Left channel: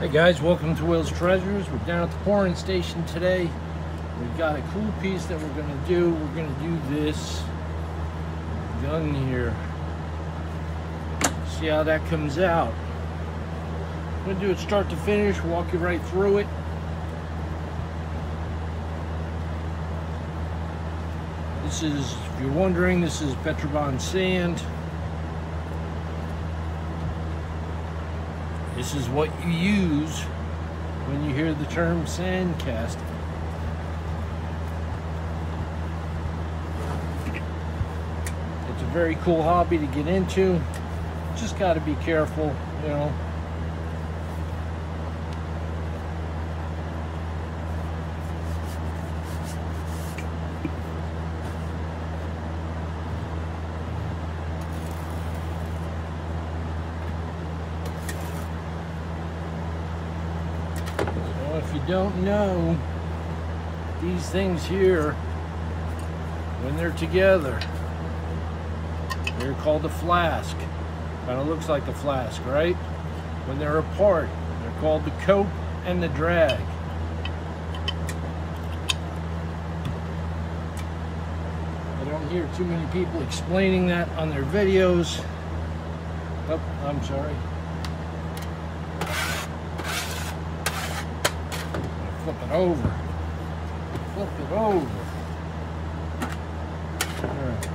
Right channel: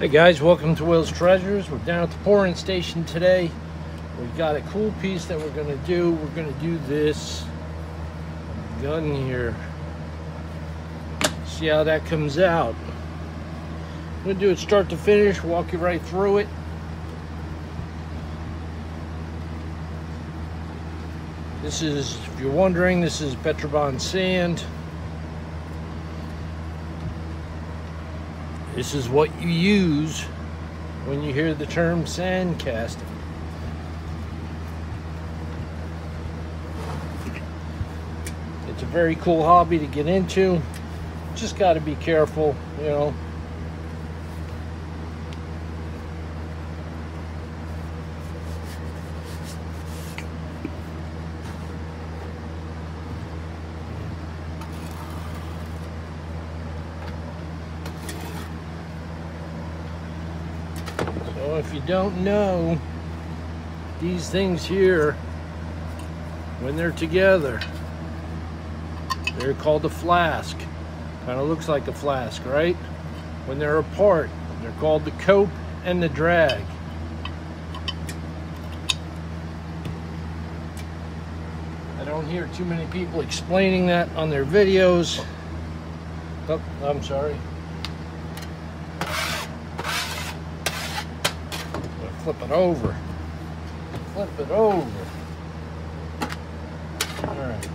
Hey guys, welcome to Will's Treasures. We're down at the pouring station today. We've got a cool piece that we're gonna do. We're gonna do this gun here. See how that comes out. I'm gonna do it start to finish, walk you right through it. This is, if you're wondering, this is Petroband sand. This is what you use when you hear the term sand casting. It's a very cool hobby to get into. Just got to be careful, you know. So if you don't know, these things here, when they're together, they're called a flask. Kind of looks like a flask, right? When they're apart, they're called the cope and the drag. I don't hear too many people explaining that on their videos. Oh, I'm sorry. Flip it over. Flip it over. Alright.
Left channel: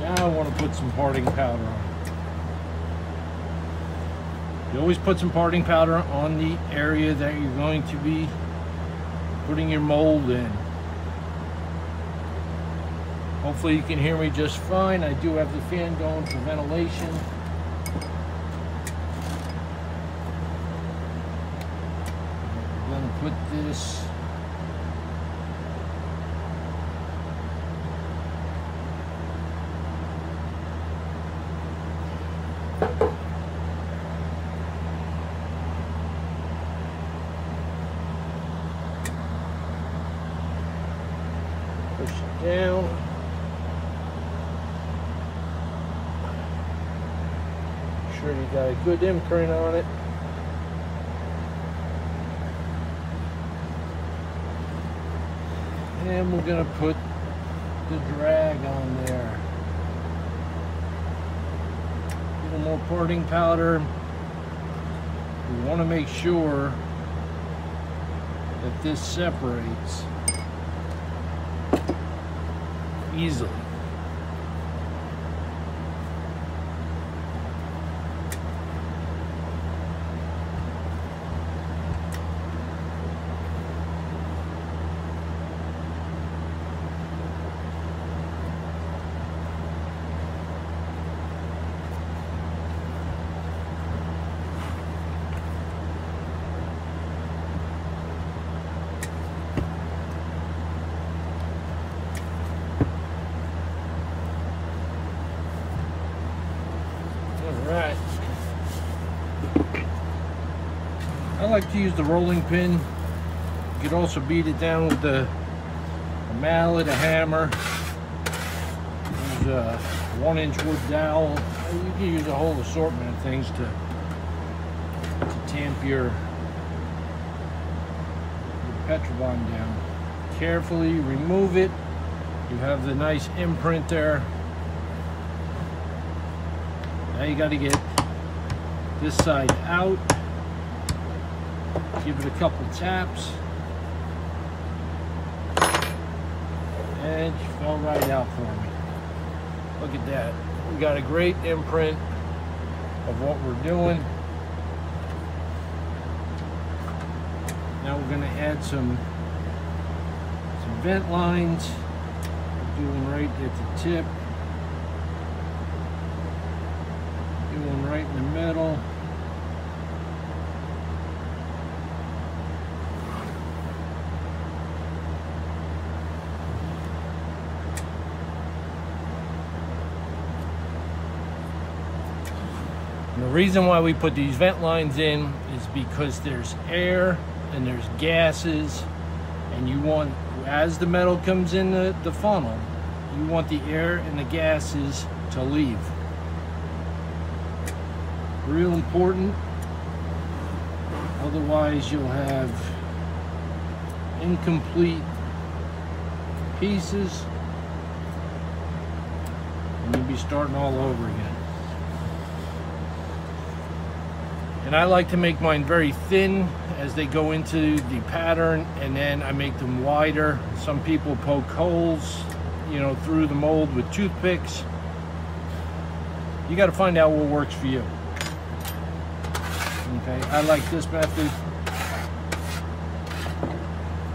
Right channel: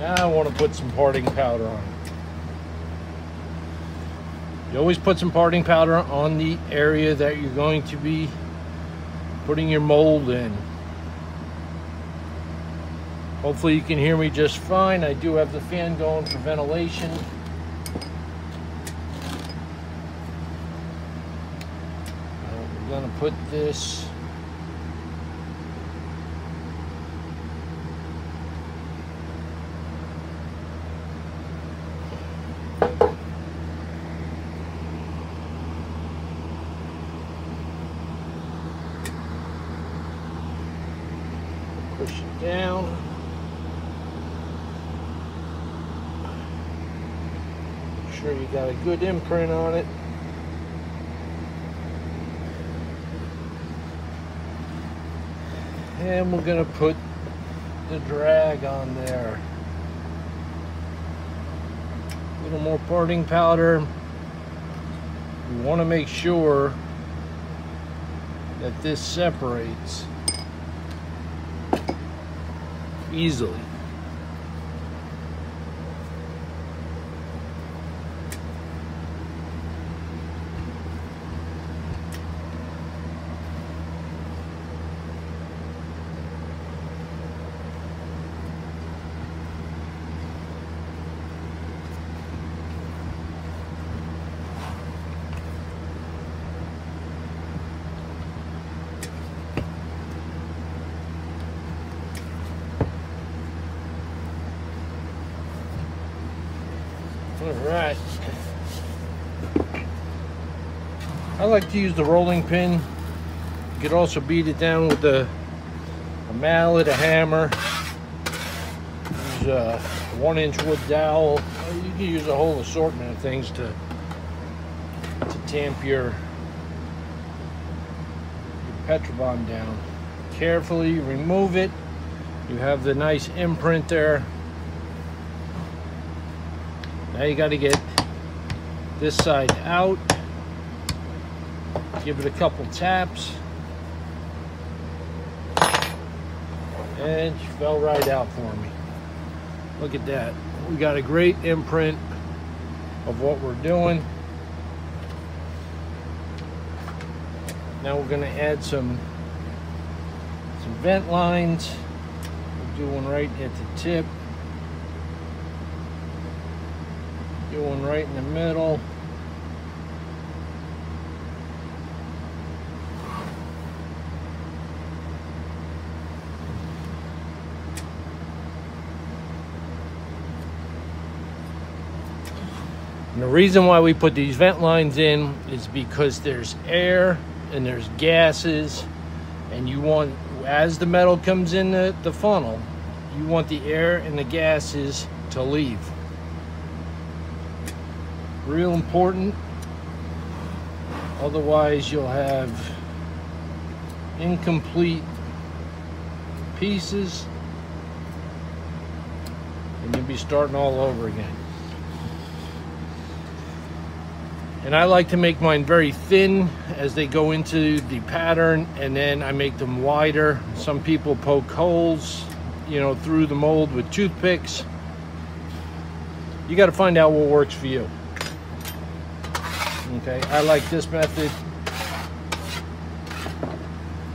Now I want to put some parting powder on it. You always put some parting powder on the area that you're going to be putting your mold in. Hopefully you can hear me just fine. I do have the fan going for ventilation. I'm gonna put this push it down. Make sure you got a good imprint on it. And we're gonna put the drag on there. A little more parting powder. We want to make sure that this separates easily. Alright. I like to use the rolling pin. You could also beat it down with a mallet, a hammer. Use a 1-inch wood dowel. You can use a whole assortment of things to tamp your Petroband down. Carefully remove it. You have the nice imprint there. Now you got to get this side out. Give it a couple taps. And she fell right out for me. Look at that. We got a great imprint of what we're doing. Now we're going to add some vent lines. We'll do one right at the tip. Do one right in the middle. And the reason why we put these vent lines in is because there's air and there's gases, and you want, as the metal comes in the funnel, you want the air and the gases to leave. Real important. Otherwise, you'll have incomplete pieces and you'll be starting all over again. And I like to make mine very thin as they go into the pattern, and then I make them wider. Some people poke holes, you know, through the mold with toothpicks. You got to find out what works for you. Okay, I like this method,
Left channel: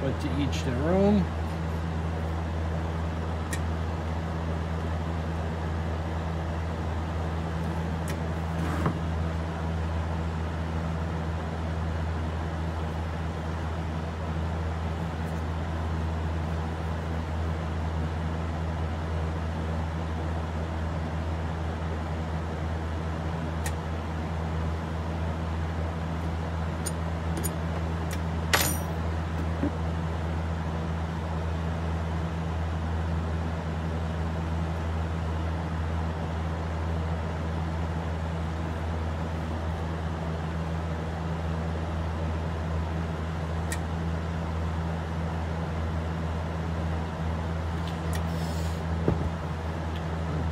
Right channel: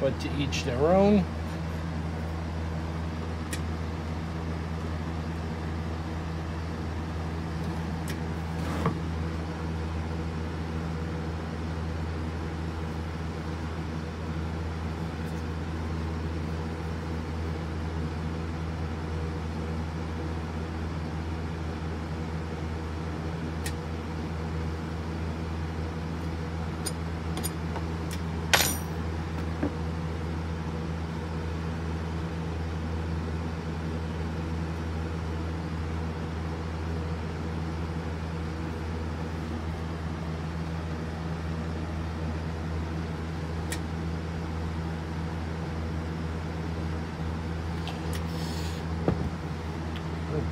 but to each their own.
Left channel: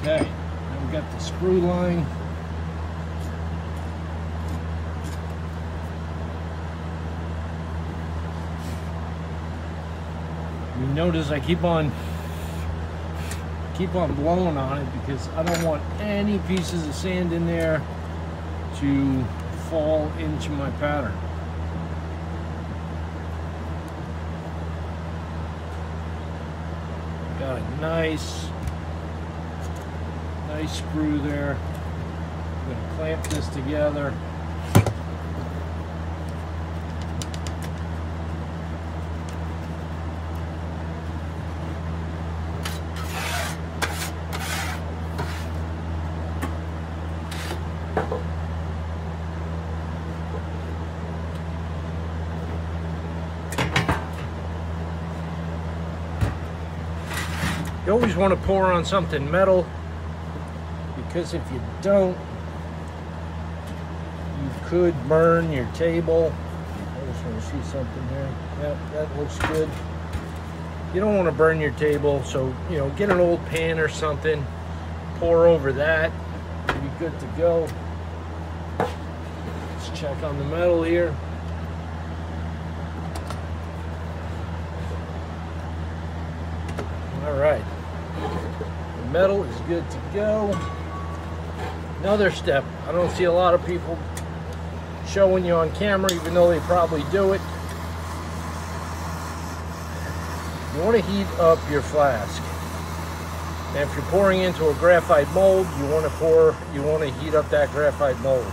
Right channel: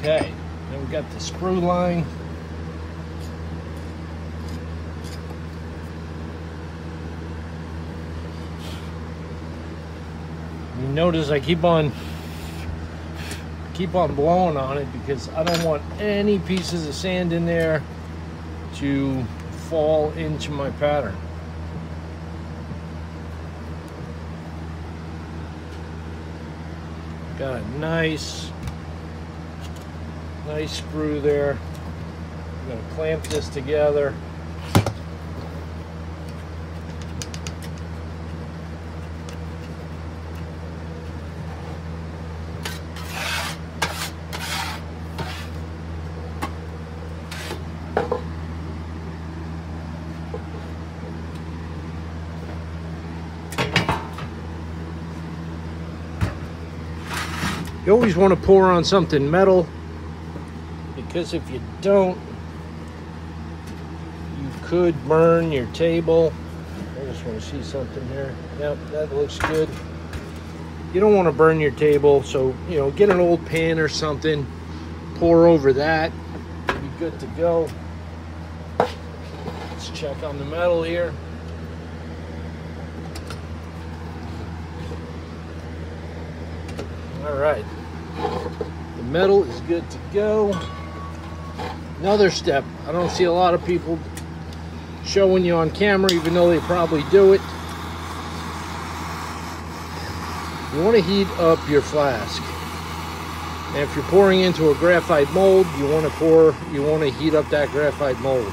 Okay, then we've got the sprue line. You notice I keep on blowing on it because I don't want any pieces of sand in there to fall into my pattern. Got a nice screw there. I'm going to clamp this together. You always want to pour on something metal, because if you don't, you could burn your table. I just want to see something here. Yep, that looks good. You don't want to burn your table, so, you know, get an old pan or something, pour over that, you'll be good to go. Let's check on the metal here. All right, the metal is good to go. Another step, I don't see a lot of people showing you on camera, even though they probably do it. You want to heat up your flask. And if you're pouring into a graphite mold, you want to heat up that graphite mold.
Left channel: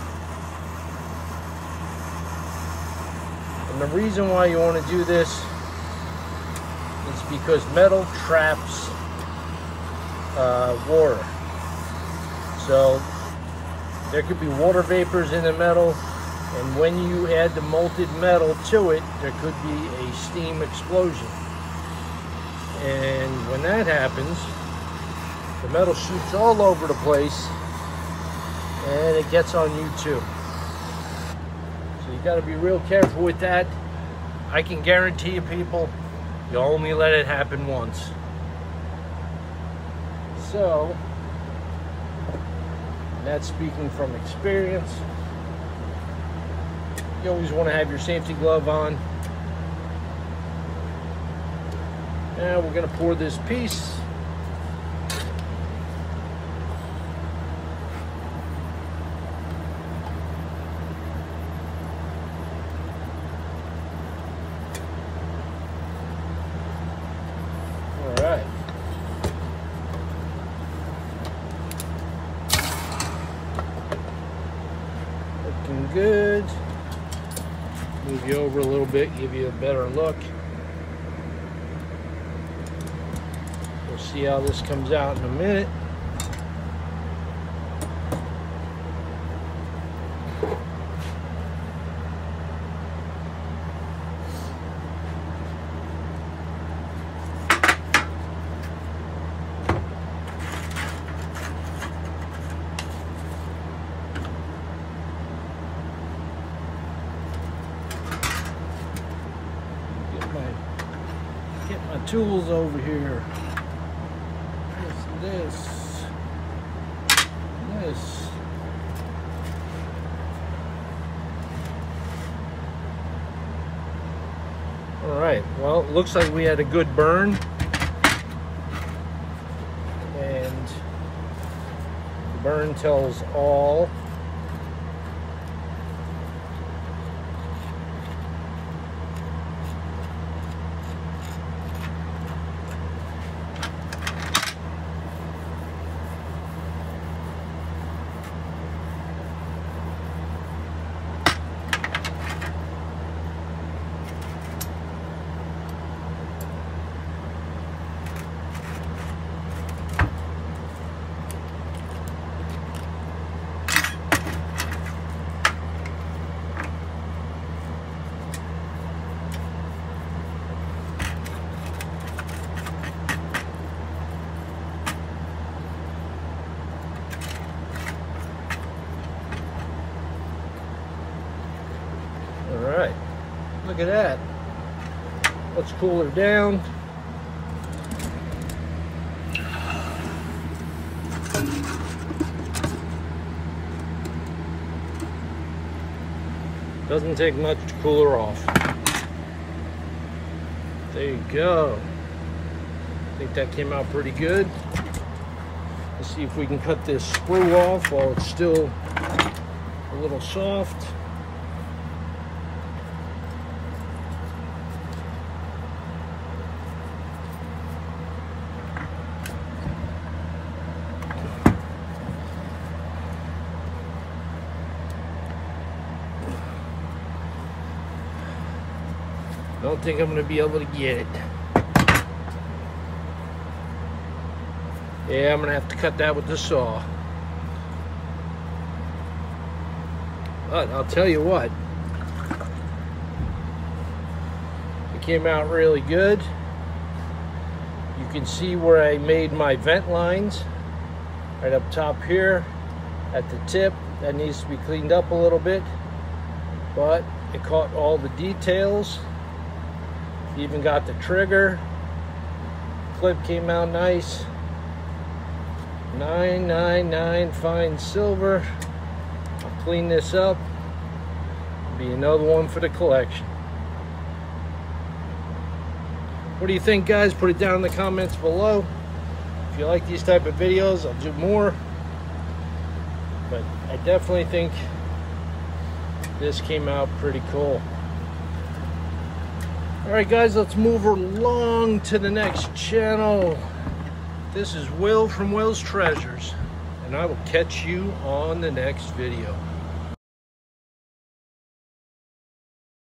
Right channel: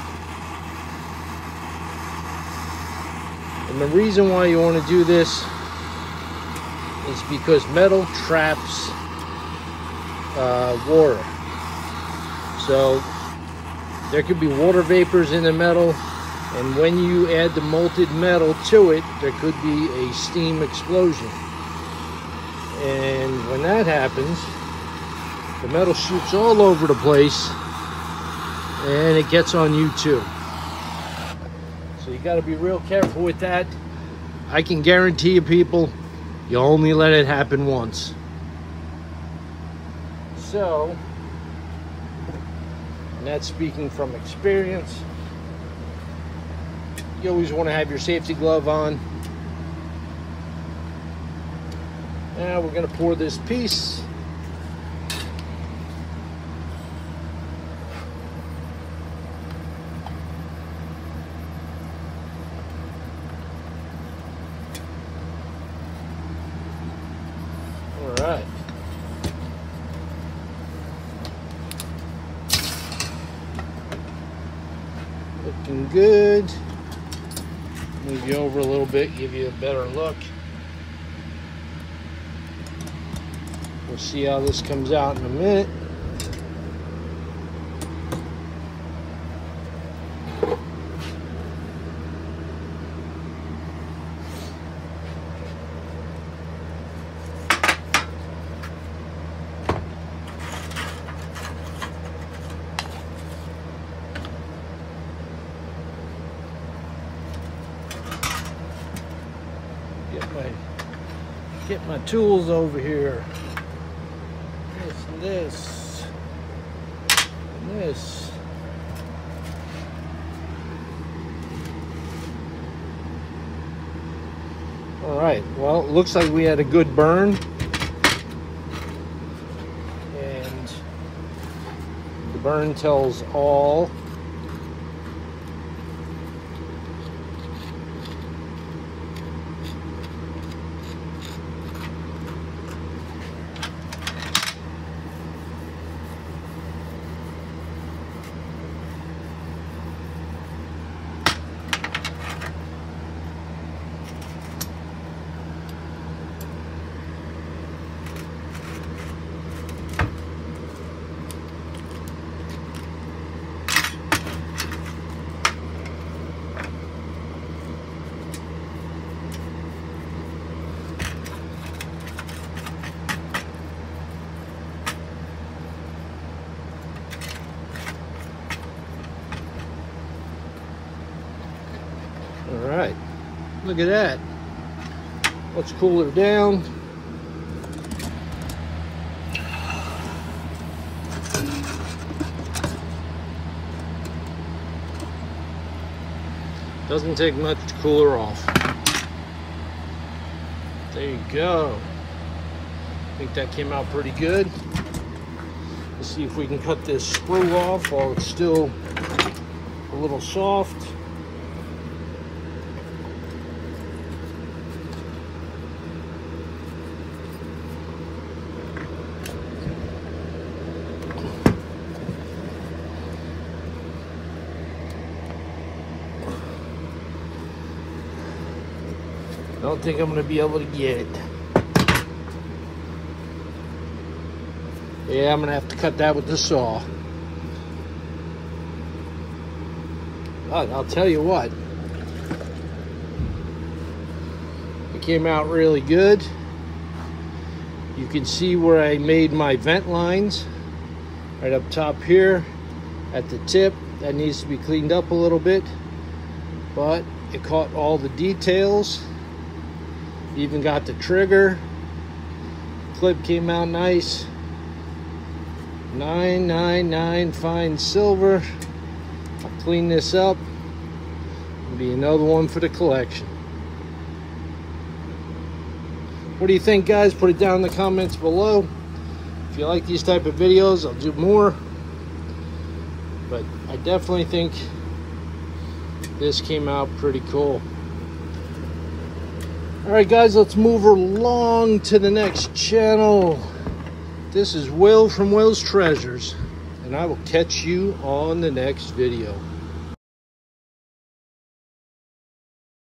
And the reason why you want to do this is because metal traps water. So there could be water vapors in the metal, and when you add the molten metal to it, there could be a steam explosion. And when that happens, the metal shoots all over the place, and it gets on you too. So you got to be real careful with that. I can guarantee you, people, you only let it happen once. So, and that's speaking from experience. You always want to have your safety glove on. Now we're going to pour this piece. All right. Looking good. Move you over a little bit, give you a better look. We'll see how this comes out in a minute. get my tools over here. This. All right, well, it looks like we had a good burn. And the burn tells all. All right, look at that. Let's cool her down. Doesn't take much to cool her off. There you go. I think that came out pretty good. Let's see if we can cut this screw off while it's still a little soft. I don't think I'm going to be able to get it. Yeah, I'm going to have to cut that with the saw. But I'll tell you what, it came out really good. You can see where I made my vent lines right up top here at the tip. That needs to be cleaned up a little bit, but it caught all the details. Even got the trigger. Clip came out nice. 999 fine silver. I'll clean this up. It'll be another one for the collection. What do you think, guys? Put it down in the comments below. If you like these type of videos, I'll do more. But I definitely think this came out pretty cool. Alright guys, let's move along to the next channel. This is Will from Will's Treasures, and I will catch you on the next video.